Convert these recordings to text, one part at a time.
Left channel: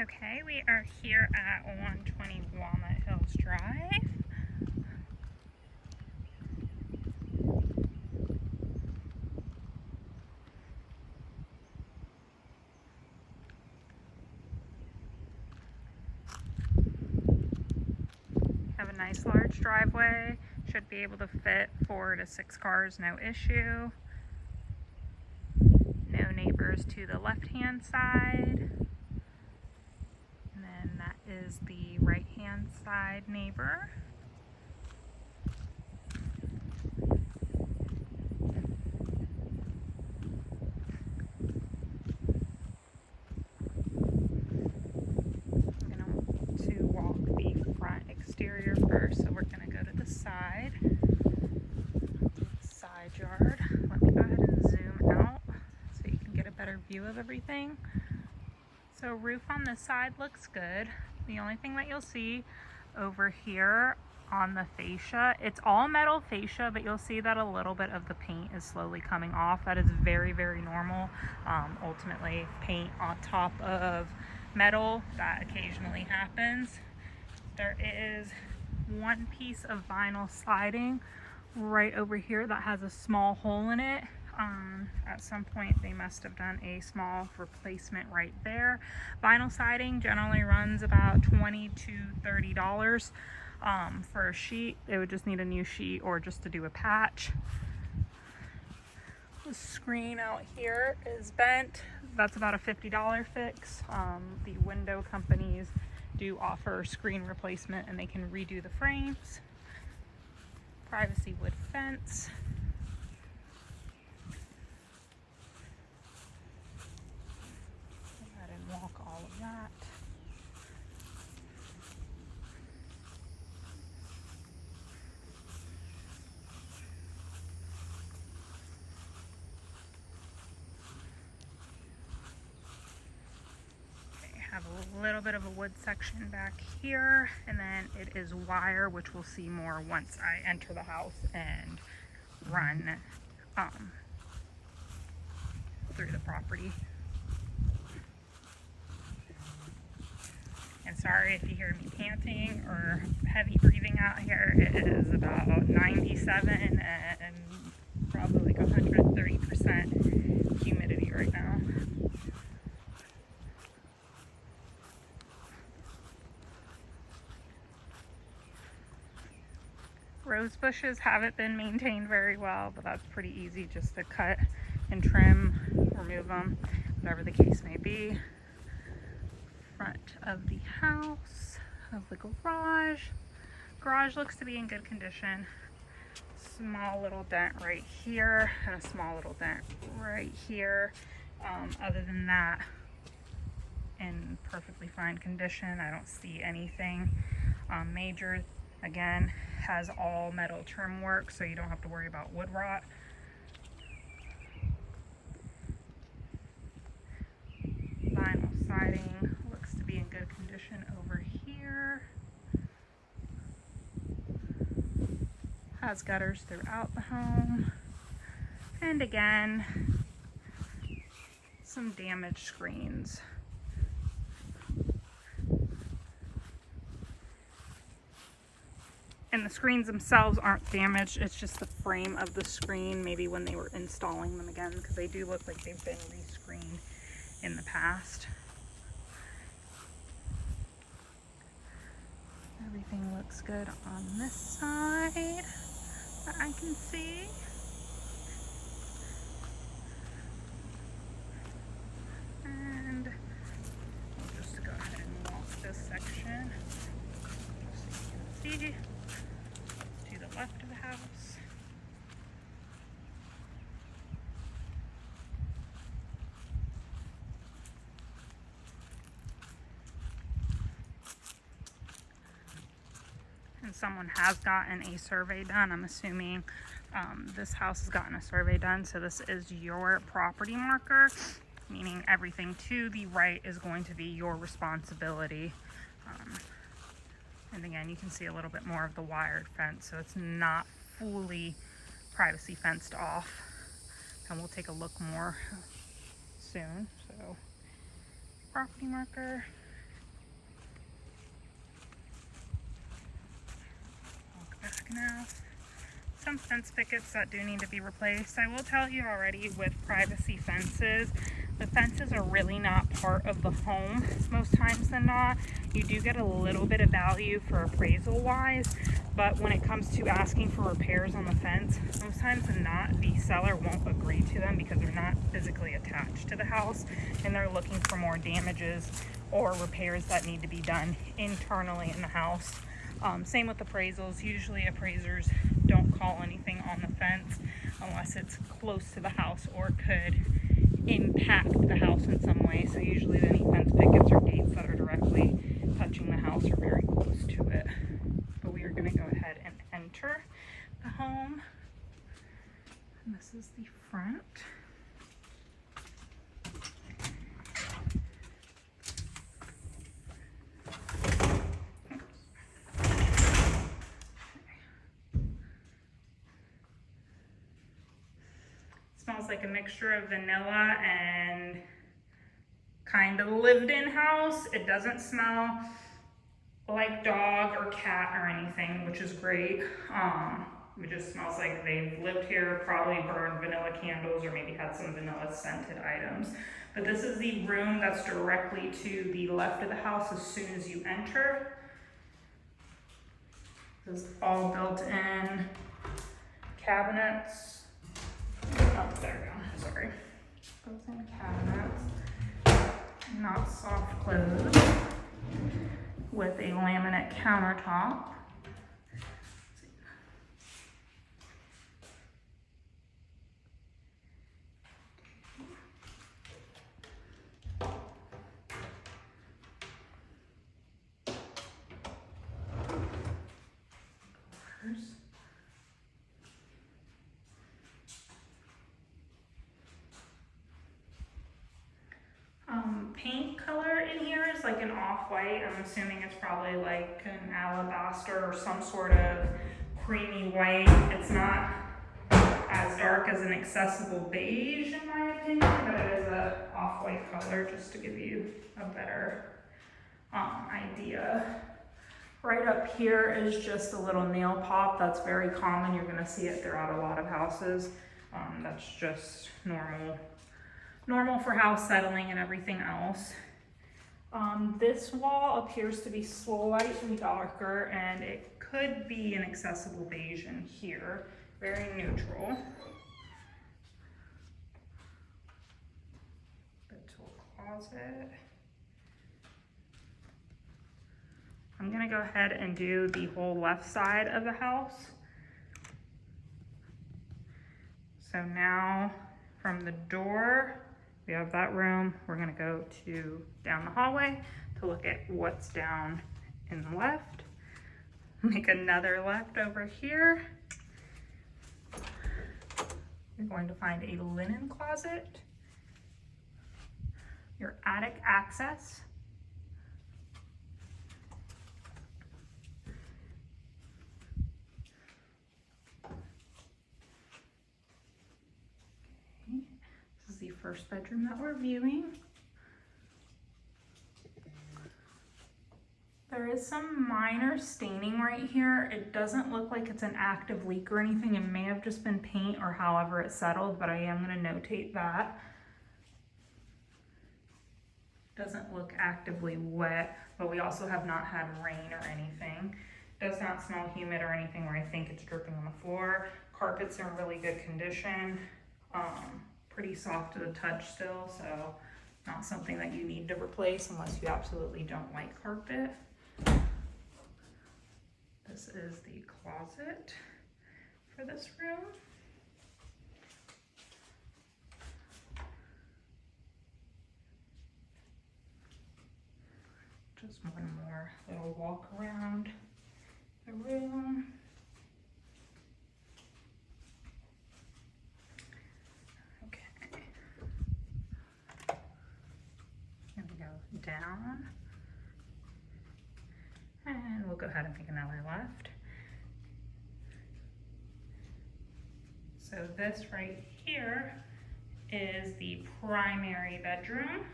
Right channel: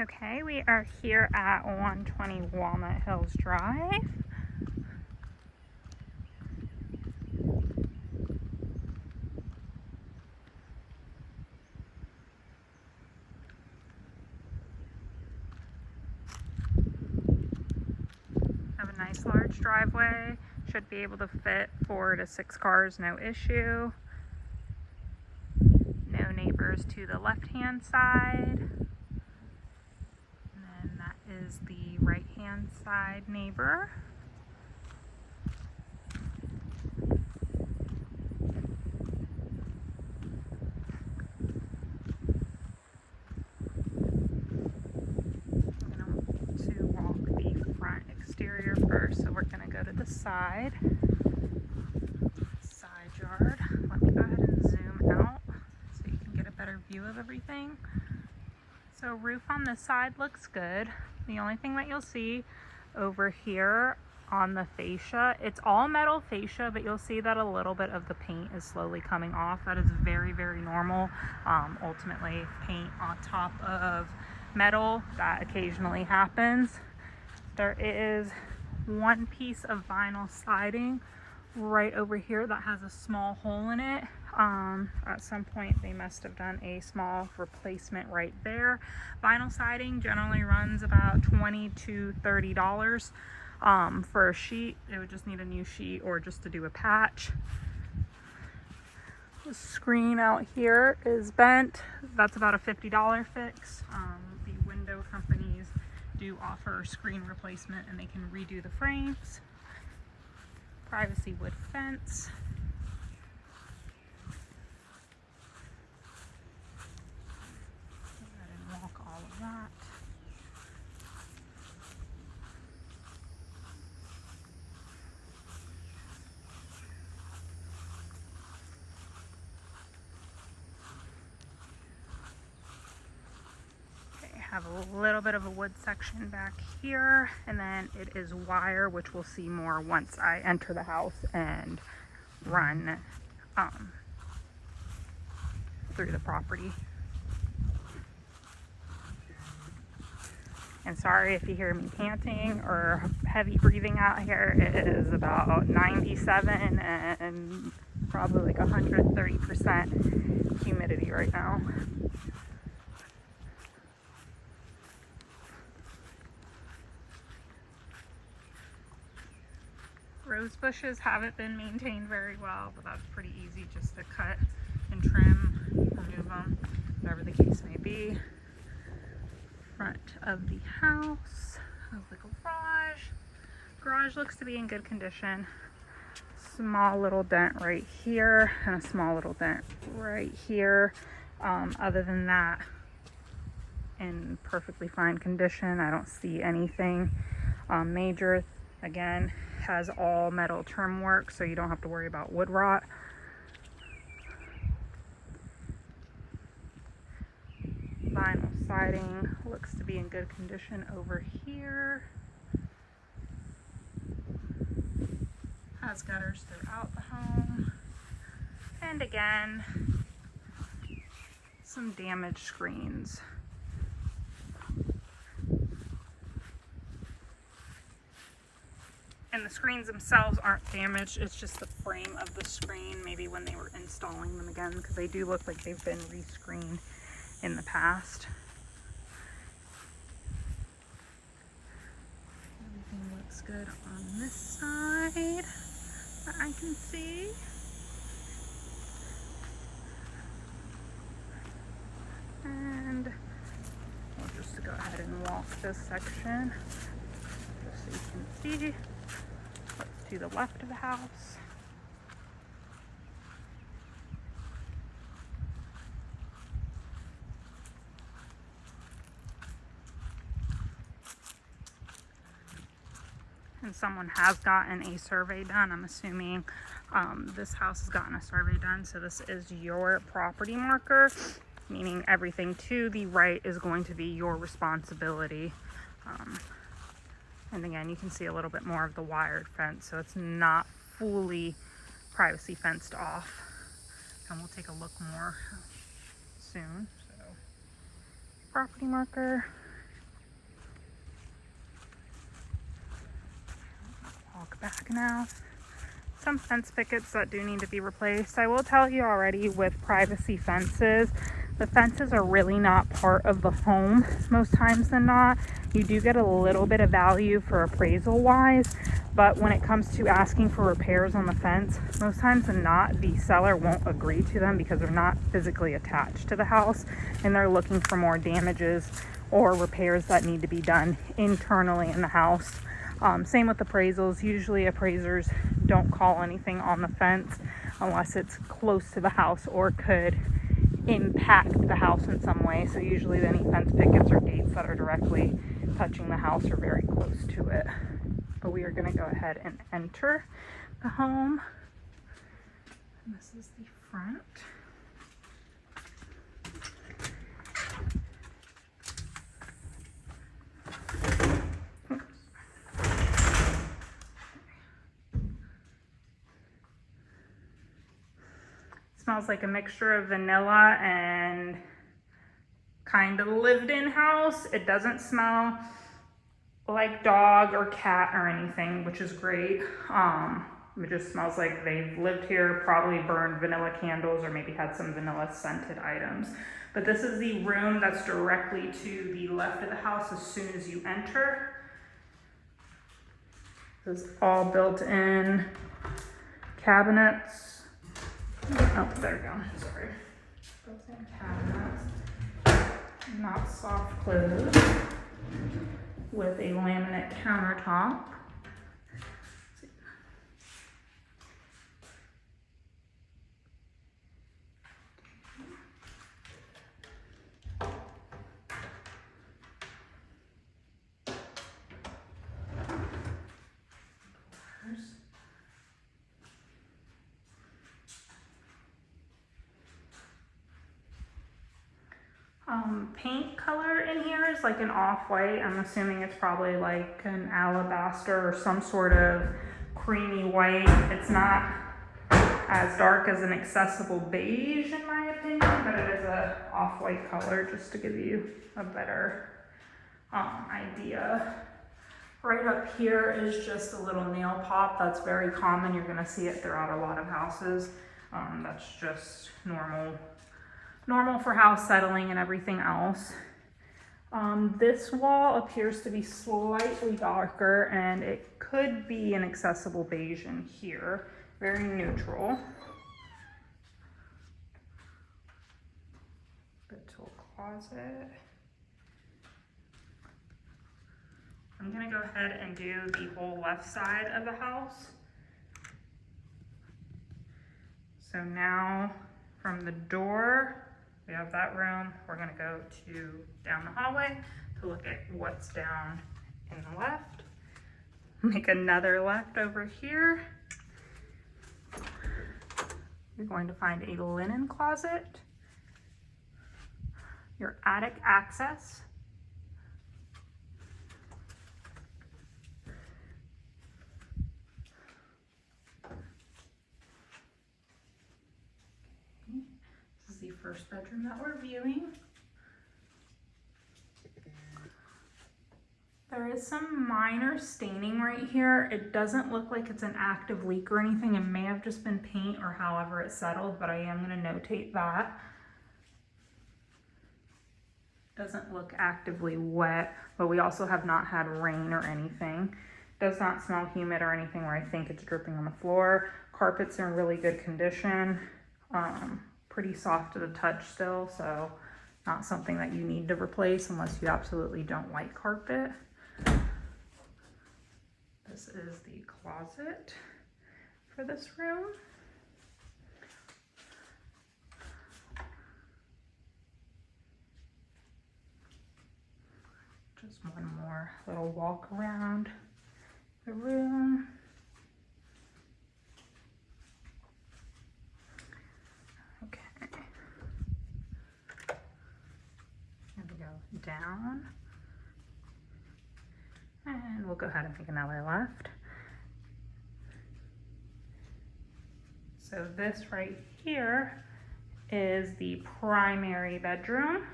Okay, we are here at 120 Walnut Hills Drive. Have a nice large driveway. Should be able to fit 4 to 6 cars, no issue. No neighbors to the left-hand side. And then that is the right-hand side neighbor. Exterior first, so we're going to go to the side yard. Let me go ahead and zoom out so you can get a better view of everything. So roof on this side looks good. The only thing that you'll see over here on the fascia, it's all metal fascia, but you'll see that a little bit of the paint is slowly coming off. That is very, very normal. Ultimately, paint on top of metal, that occasionally happens. There is one piece of vinyl siding right over here that has a small hole in it. At some point they must have done a small replacement right there. Vinyl siding generally runs about $20 to $30 for a sheet. It would just need a new sheet or just to do a patch. The screen out here is bent. That's about a $50 fix. The window companies do offer screen replacement and they can redo the frames. Privacy wood fence. Go ahead and walk all of that. Have a little bit of a wood section back here, and then it is wire, which we'll see more once I enter the house and run through the property. And sorry if you hear me panting or heavy breathing out here. It is about 97 and probably like 130% humidity right now. Rose bushes haven't been maintained very well, but that's pretty easy just to cut and trim, remove them, whatever the case may be. Front of the house, of the garage. Garage looks to be in good condition. Small little dent right here and a small little dent right here. Other than that, in perfectly fine condition. I don't see anything major. Again, has all metal trim work, so you don't have to worry about wood rot. Vinyl siding looks to be in good condition over here. Has gutters throughout the home. And again, some damaged screens. And the screens themselves aren't damaged, it's just the frame of the screen, maybe when they were installing them again, because they do look like they've been rescreened in the past. Everything looks good on this side that I can see. And we'll just go ahead and walk this section just so you can see. To the left of the house. And someone has gotten a survey done. I'm assuming this house has gotten a survey done. So this is your property marker, meaning everything to the right is going to be your responsibility. And again, you can see a little bit more of the wired fence, so it's not fully privacy fenced off. And we'll take a look more soon. So property marker, back now. Some fence pickets that do need to be replaced. I will tell you already, with privacy fences, the fences are really not part of the home most times than not. You do get a little bit of value for appraisal wise, but when it comes to asking for repairs on the fence, most times than not, the seller won't agree to them because they're not physically attached to the house and they're looking for more damages or repairs that need to be done internally in the house. Same with appraisals. Usually appraisers don't call anything on the fence unless it's close to the house or could impact the house in some way. So usually any fence pickets or gates that are directly touching the house are very close to it. But we are going to go ahead and enter the home. And this is the front. Smells like a mixture of vanilla and kind of lived-in house. It doesn't smell like dog or cat or anything, which is great. It just smells like they've lived here, probably burned vanilla candles or maybe had some vanilla scented items. But this is the room that's directly to the left of the house as soon as you enter. This is all built-in cabinets. Oh, there we go, sorry. Built-in cabinets, not soft close, with a laminate countertop. Paint color in here is like an off-white. I'm assuming it's probably like an alabaster or some sort of creamy white. It's not as dark as an accessible beige in my opinion, but it is a off-white color just to give you a better idea. Right up here is just a little nail pop. That's very common. You're gonna see it throughout a lot of houses. That's just normal for house settling and everything else. This wall appears to be slightly darker and it could be an accessible beige in here. Very neutral. Bit to a closet. I'm gonna go ahead and do the whole left side of the house. So now from the door, we have that room. We're gonna go down the hallway to look at what's down in the left. Make another left over here. You're going to find a linen closet, your attic access, the first bedroom that we're viewing. There is some minor staining right here. It doesn't look like it's an active leak or anything. It may have just been paint or however it settled, but I am going to notate that. Doesn't look actively wet, but we also have not had rain or anything. Does not smell humid or anything where I think it's dripping on the floor. Carpet's in really good condition. Pretty soft to the touch still, so not something that you need to replace unless you absolutely don't like carpet. This is the closet for this room. Just one more little walk around the room. Down, and we'll go ahead and make another left. So this right here is the primary bedroom.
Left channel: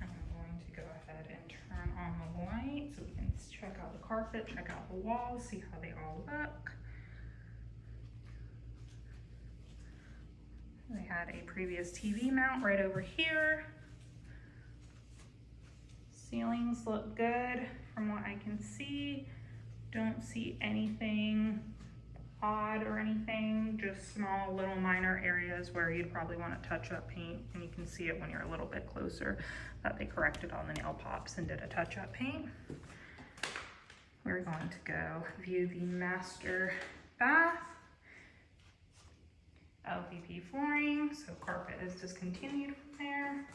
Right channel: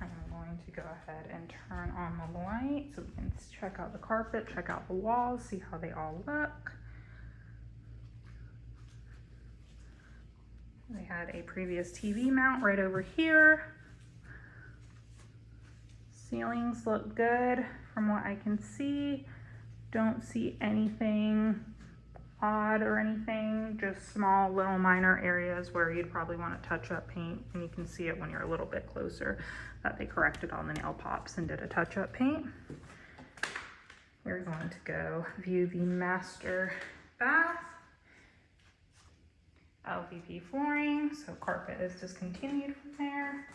I'm going to go ahead and turn on the light so we can check out the carpet, check out the walls, see how they all look. They had a previous TV mount right over here. Ceilings look good from what I can see. Don't see anything odd or anything, just small little minor areas where you'd probably want to touch up paint, and you can see it when you're a little bit closer that they corrected all the nail pops and did a touch-up paint. We're going to go view the master bath. LVP flooring, so carpet is discontinued from there.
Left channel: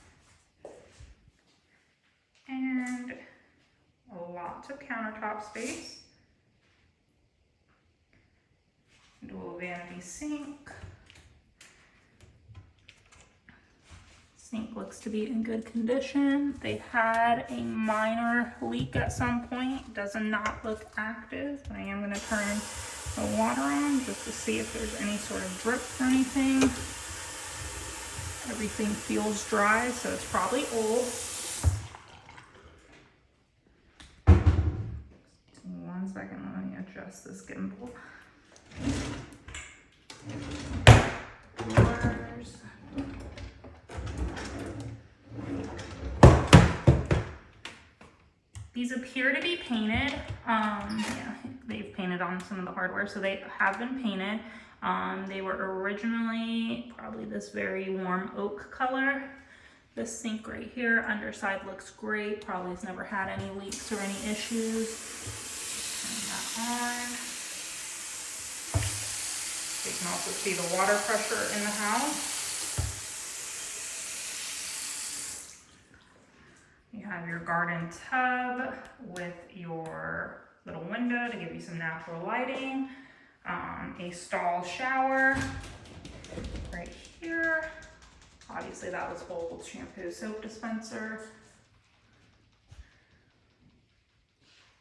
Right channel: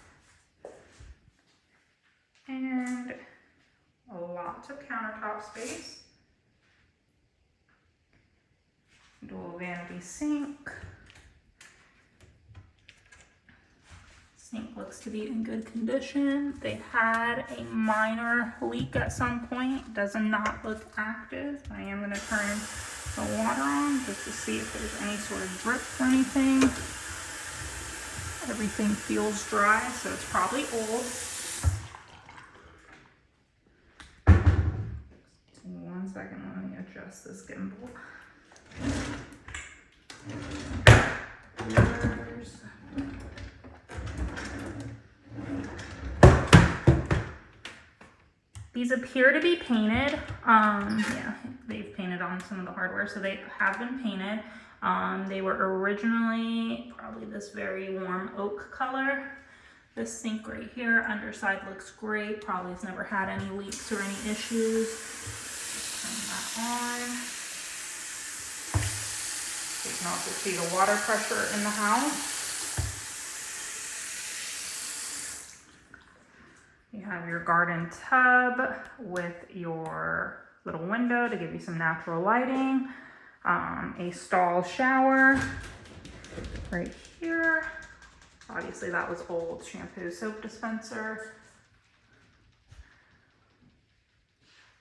And lots of countertop space. Dual vanity sink. Sink looks to be in good condition. They had a minor leak at some point. Does not look active. I am going to turn the water on just to see if there's any sort of drip or anything. Everything feels dry, so it's probably old. One second, let me adjust this gimbal. Doors. These appear to be painted. Yeah, they've painted on some of the hardware, so they have been painted. They were originally probably this very warm oak color. This sink right here, underside looks great. Probably has never had any leaks or any issues. Turn that on. You can also see the water pressure in the house. You have your garden tub with your little window to give you some natural lighting. A stall shower right here. Obviously that was old. Shampoo, soap dispenser.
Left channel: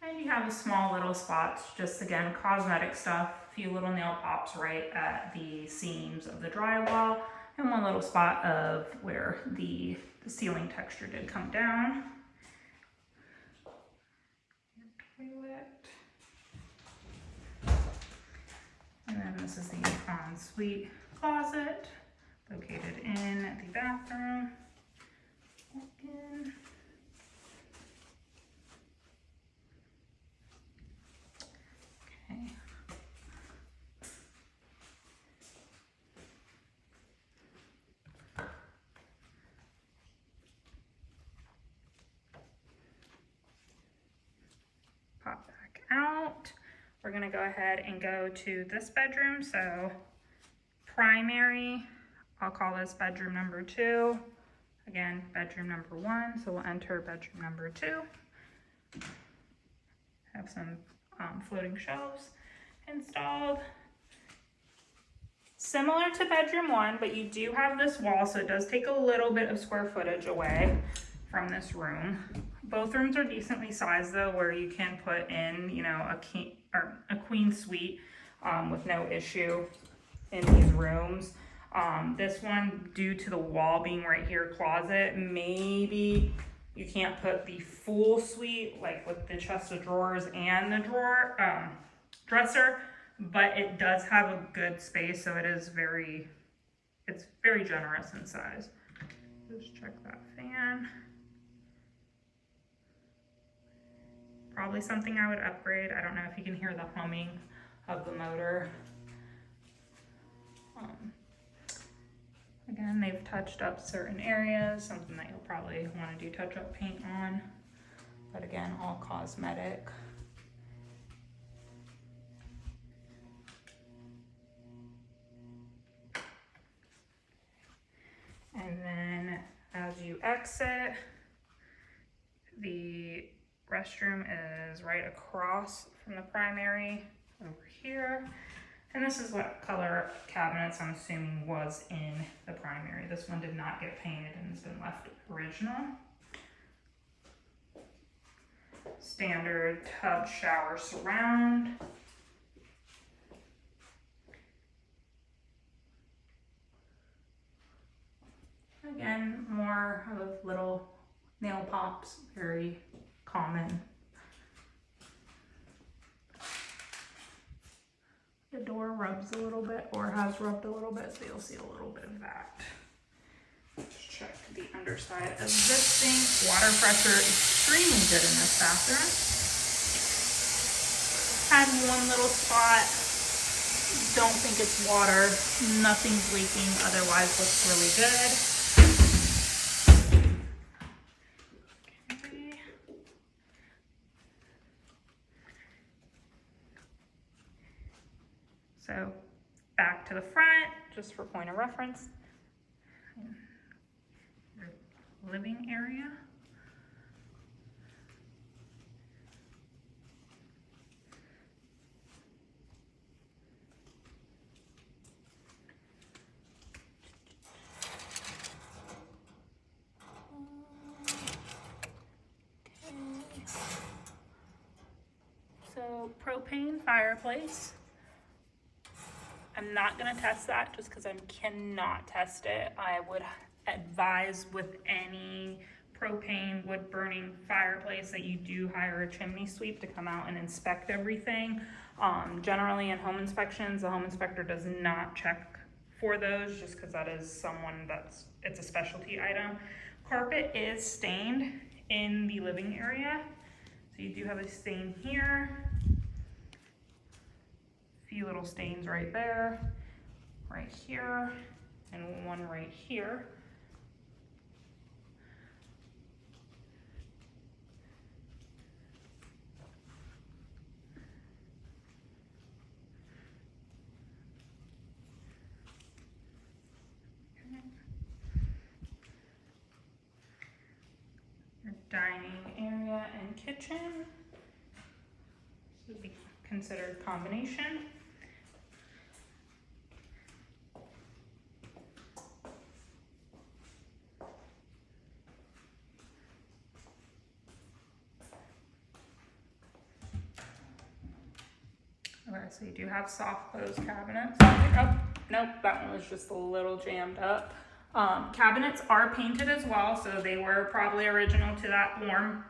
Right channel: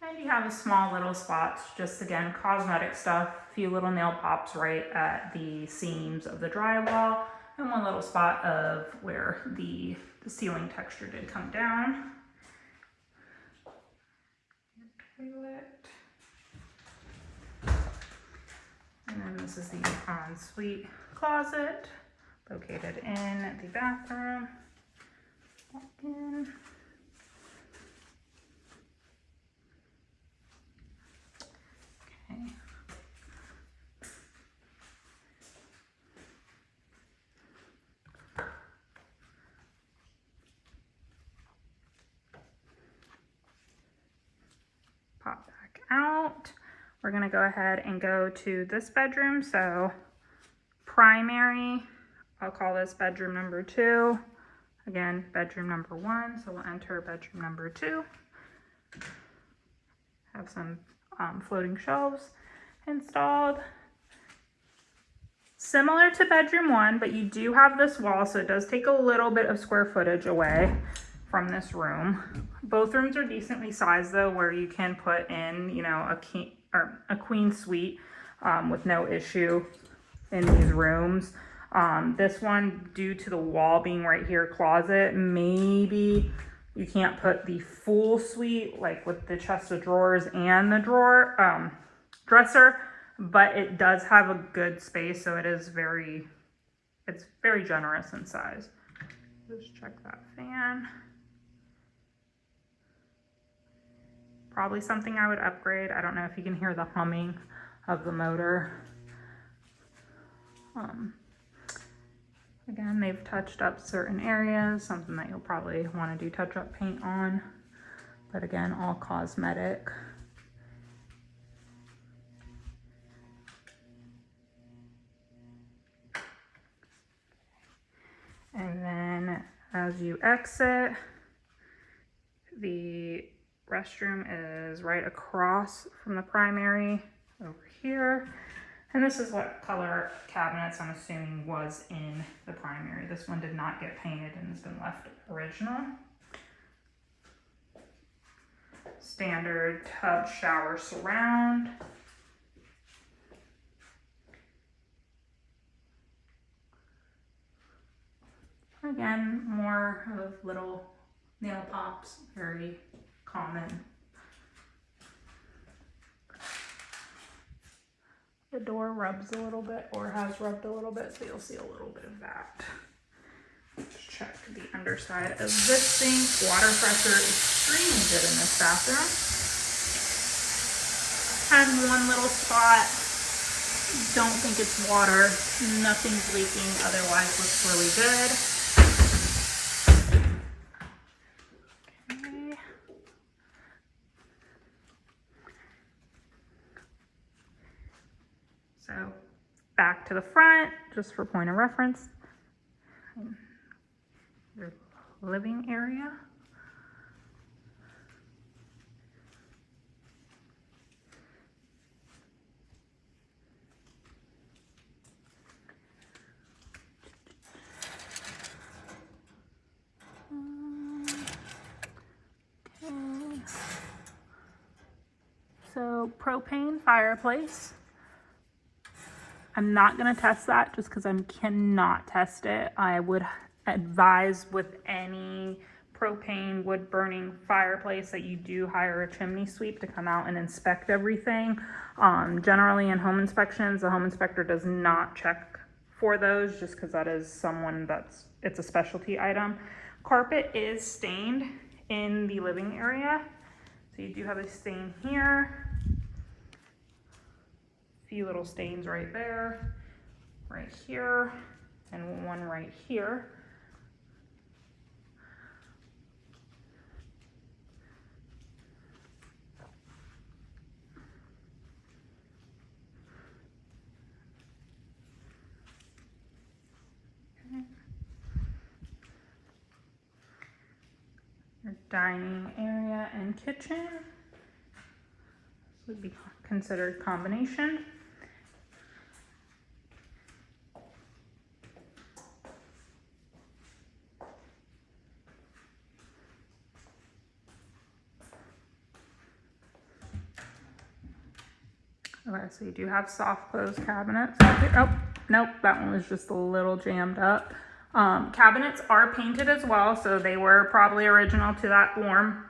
And you have a small little spots, just again, cosmetic stuff. A few little nail pops right at the seams of the drywall, and one little spot of where the ceiling texture did come down. Your toilet. And then this is the ensuite closet located in the bathroom. Walk in. Okay. Pop back out. We're going to go ahead and go to this bedroom. So primary, I'll call this bedroom number 2. Again, bedroom number 1. So we'll enter bedroom number 2. Have some floating shelves installed. Similar to bedroom 1, but you do have this wall, so it does take a little bit of square footage away from this room. Both rooms are decently sized though, where you can put in, you know, a queen suite with no issue in these rooms. This one, due to the wall being right here, closet, maybe you can't put the full suite, like with the chest of drawers and the drawer dresser, but it does have a good space, so it's very generous in size. Just check that fan. Probably something I would upgrade. I don't know if you can hear the humming of the motor. Again, they've touched up certain areas, something that you'll probably want to do touch-up paint on. But again, all cosmetic. And then as you exit, the restroom is right across from the primary over here. And this is what color cabinets I'm assuming was in the primary. This one did not get painted and has been left original. Standard tub shower surround. Again, more of little Nail pops, very common. The door rubs a little bit, or has rubbed a little bit, so you'll see a little bit of that. Let's check the underside of this sink. Water pressure extremely good in this bathroom. Had one little spot. Don't think it's water. Nothing's leaking. Otherwise, looks really good. Okay. So back to the front, just for point of reference. Your living area. So propane fireplace. I'm not gonna test that just because I cannot test it. I would advise with any propane wood burning fireplace that you do hire a chimney sweep to come out and inspect everything. Generally in home inspections, the home inspector does not check for those just because that is someone it's a specialty item. Carpet is stained in the living area. So you do have a stain here. Few little stains right there, right here, and one right here. Okay. Your dining area and kitchen. This would be considered combination. Okay, so you do have soft close cabinets. Oh, nope, that one was just a little jammed up. Cabinets are painted as well, so they were probably original to that warm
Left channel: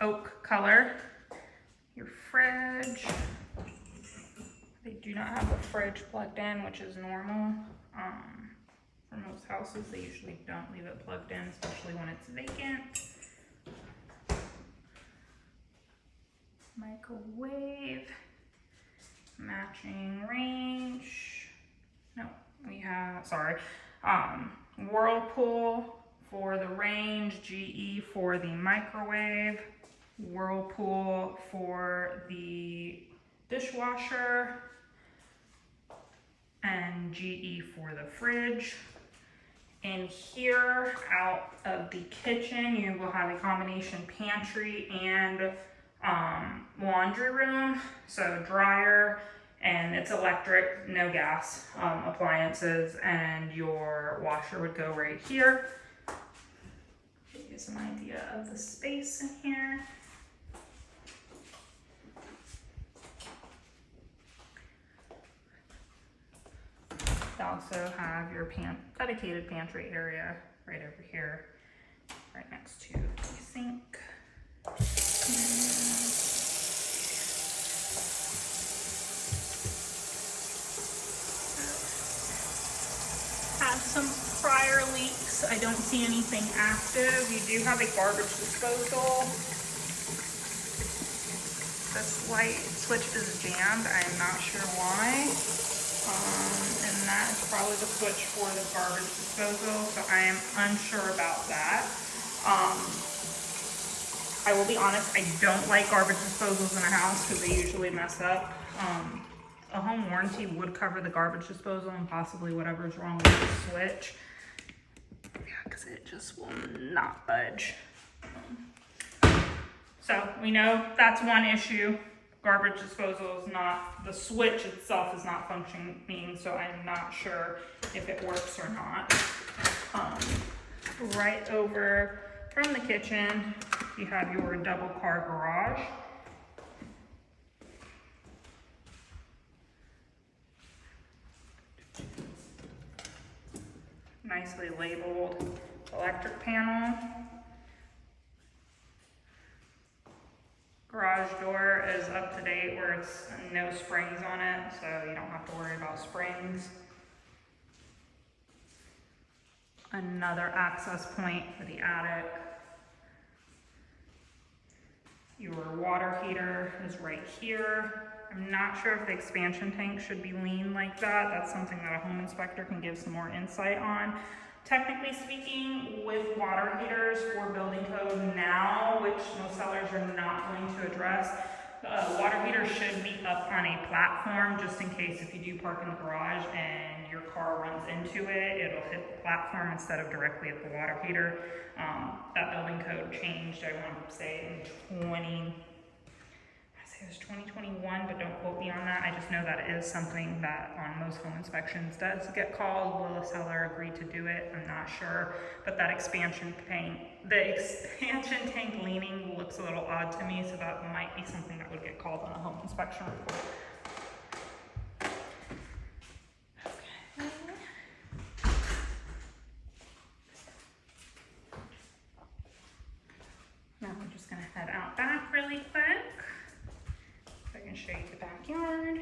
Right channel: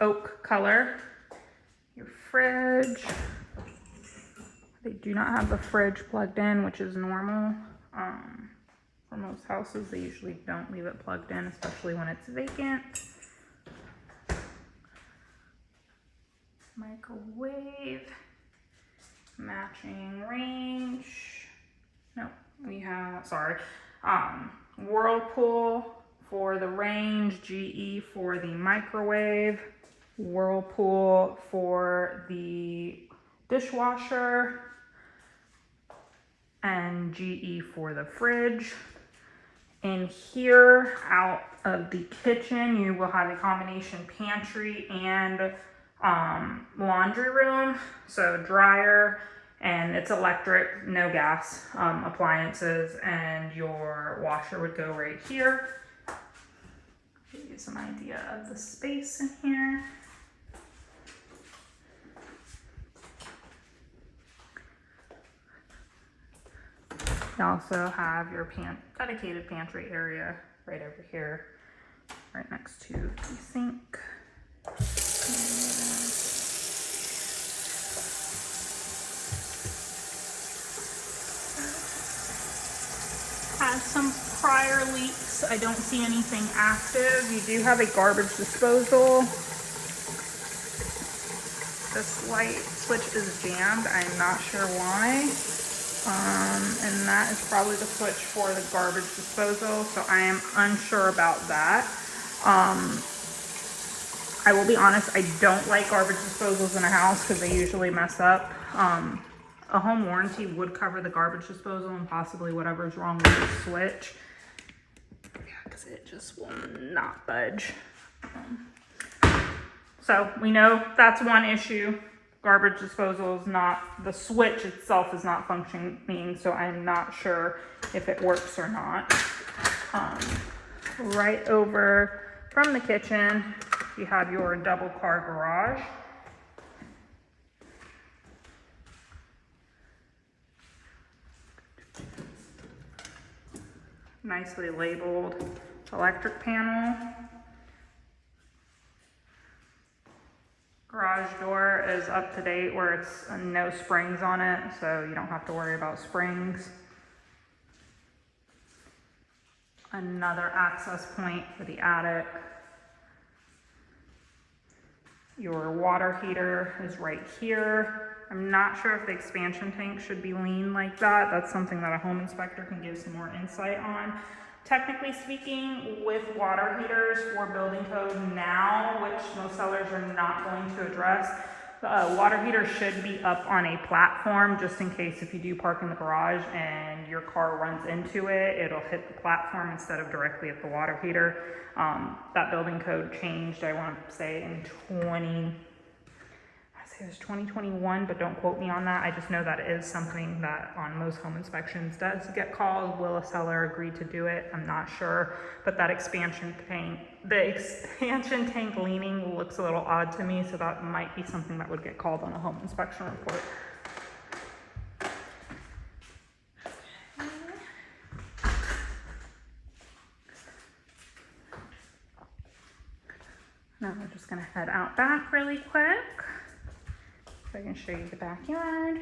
oak color. Your fridge. They do not have the fridge plugged in, which is normal. For most houses, they usually don't leave it plugged in, especially when it's vacant. Microwave. Matching range. No, we have, sorry. Whirlpool for the range, GE for the microwave, Whirlpool for the dishwasher, and GE for the fridge. In here, out of the kitchen, you will have a combination pantry and laundry room, so dryer, and it's electric, no gas appliances, and your washer would go right here. Give you some idea of the space in here. You also have your dedicated pantry area right over here, right next to the sink. Has some prior leaks. I don't see anything active. You do have a garbage disposal. This light switch is jammed. I'm not sure why. And that is probably the switch for the garbage disposal, so I am unsure about that. I will be honest, I don't like garbage disposals in a house because they usually mess up. A home warranty would cover the garbage disposal and possibly whatever's wrong with the switch. Yeah, because it just will not budge. So we know that's one issue. Garbage disposal is not, the switch itself is not functioning, so I'm not sure if it works or not. Right over from the kitchen, you have your double car garage. Nicely labeled electric panel. Garage door is up to date where it's no springs on it, so you don't have to worry about springs. Another access point for the attic. Your water heater is right here. I'm not sure if the expansion tank should be lean like that. That's something that a home inspector can give some more insight on. Technically speaking, with water heaters for building code now, which most sellers are not going to address, water heater should be up on a platform just in case if you do park in the garage and your car runs into it, it'll hit the platform instead of directly at the water heater. That building code changed, I want to say in it was 2021, but don't quote me on that. I just know that it is something that on most home inspections does get called. Will a seller agree to do it? I'm not sure, but that expansion tank, the expansion tank leaning looks a little odd to me, so that might be something that would get called on the home inspection report. Now we're just gonna head out back really quick. So I can show you the backyard.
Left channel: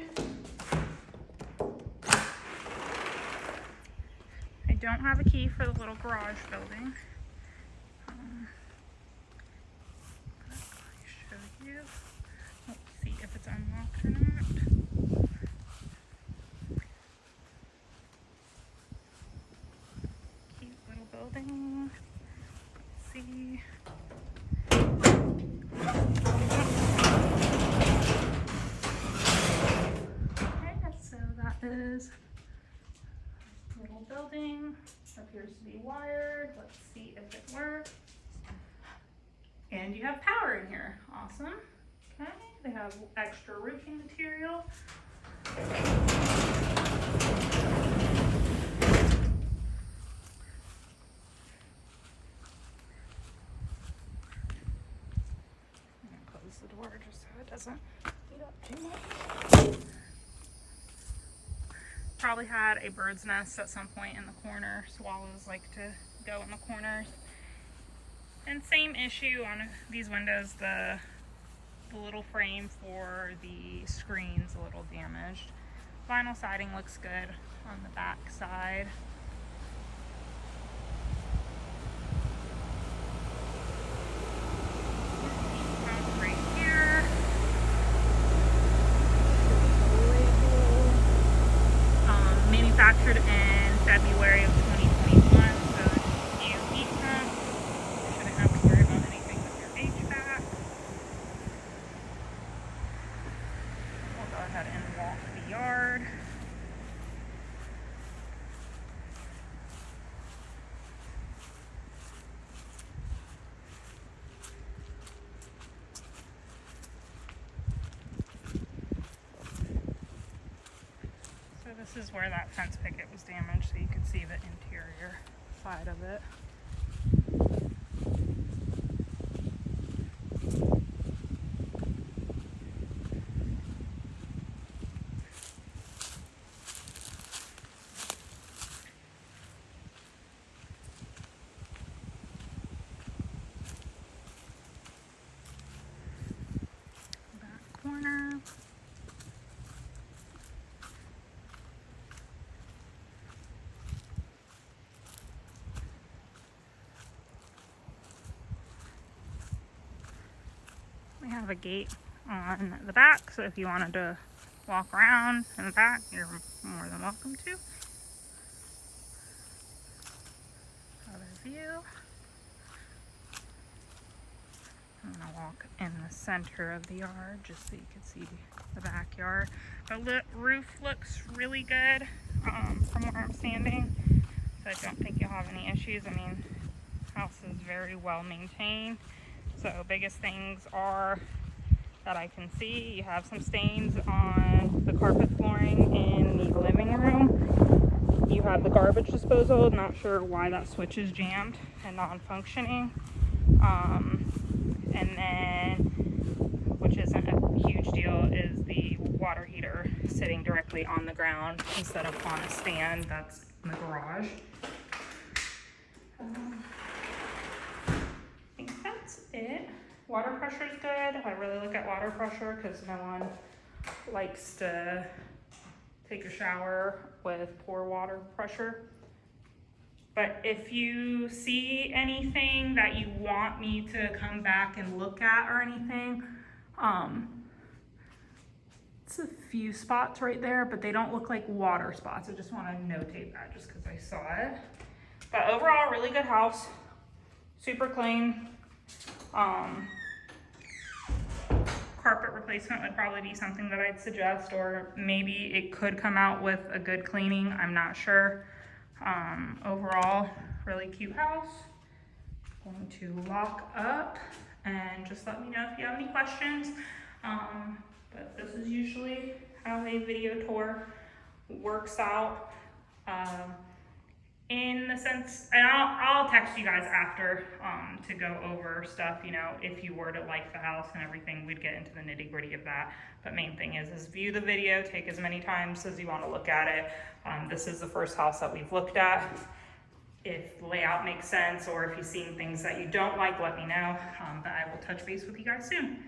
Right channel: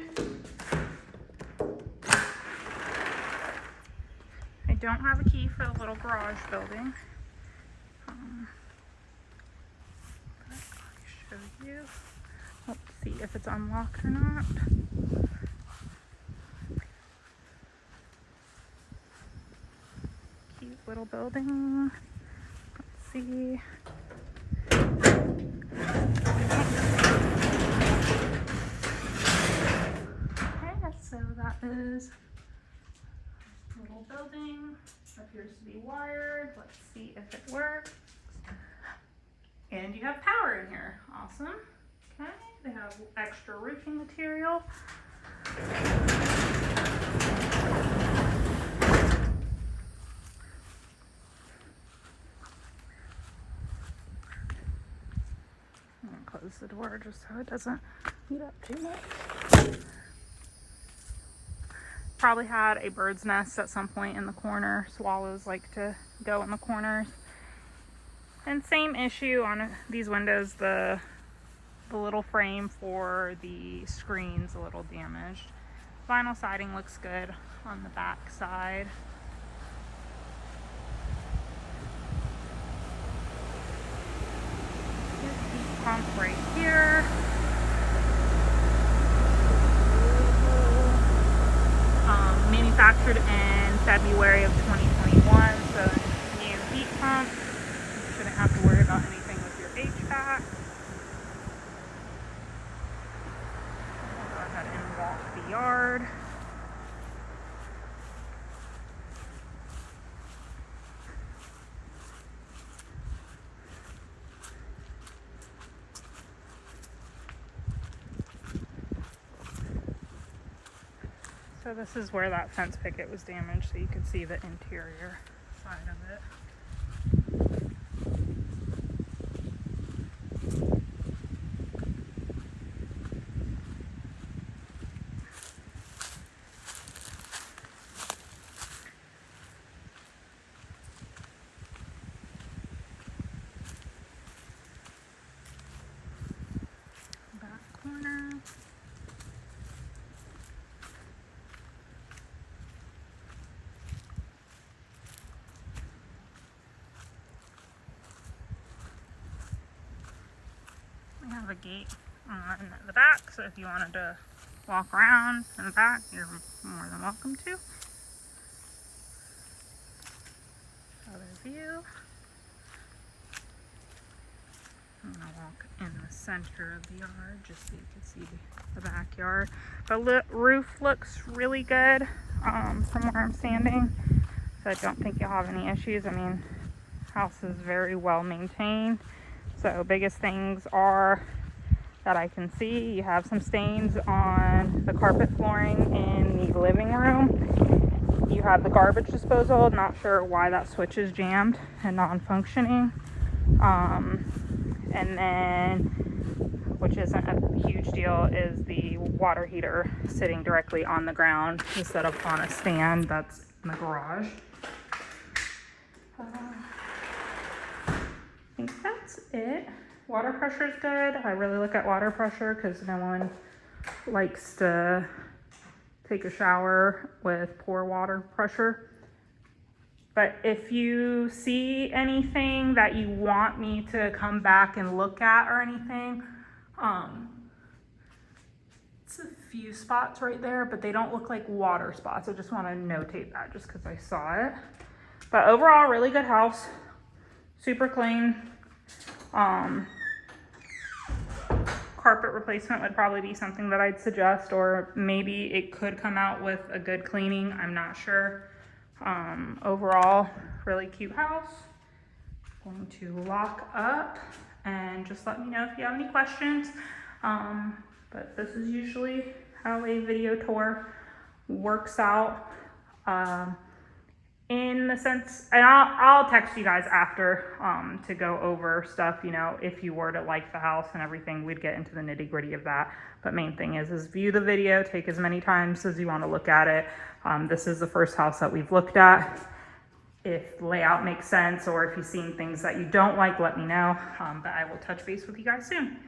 I don't have a key for the little garage building. But I'll show you. Let's see if it's unlocked or not. Cute little building. Let's see. So that is a little building, appears to be wired. Let's see if it works. And you have power in here, awesome. Okay, they have extra roofing material. I'm gonna close the door just so it doesn't heat up too much. Probably had a bird's nest at some point in the corner. Swallows like to go in the corners. And same issue on these windows, the little frame for the screen's a little damaged. Vinyl siding looks good on the back side. Heat pump right here. Manufactured in February of 2021, so new heat pump. You shouldn't have to worry about anything with your HVAC. We'll go ahead and walk the yard. So this is where that fence picket was damaged, so you could see the interior side of it. Back corner. We have a gate on the back, so if you wanted to walk around in the back, you're more than welcome to. Other view. I'm gonna walk in the center of the yard just so you can see the backyard. The roof looks really good from where I'm standing, so I don't think you'll have any issues. I mean, house is very well maintained. So biggest things are that I can see, you have some stains on the carpet flooring in the living room. You have the garbage disposal, not sure why that switch is jammed and non-functioning. And then, which isn't a huge deal, is the water heater sitting directly on the ground instead of on a stand that's in the garage. I think that's it. Water pressure is good. I really look at water pressure because no one likes to take a shower with poor water pressure. But if you see anything that you want me to come back and look at or anything, it's a few spots right there, but they don't look like water spots. I just want to notate that just because I saw it. But overall, really good house, super clean. Carpet replacement would probably be something that I'd suggest, or maybe it could come out with a good cleaning. I'm not sure. Overall, really cute house. Going to lock up and just let me know if you have any questions. But this is usually how a video tour works out. In the sense, and I'll text you guys after to go over stuff, you know, if you were to like the house and everything, we'd get into the nitty gritty of that. But main thing is view the video, take as many times as you want to look at it. This is the first house that we've looked at. If layout makes sense or if you've seen things that you don't like, let me know. But I will touch base with you guys soon.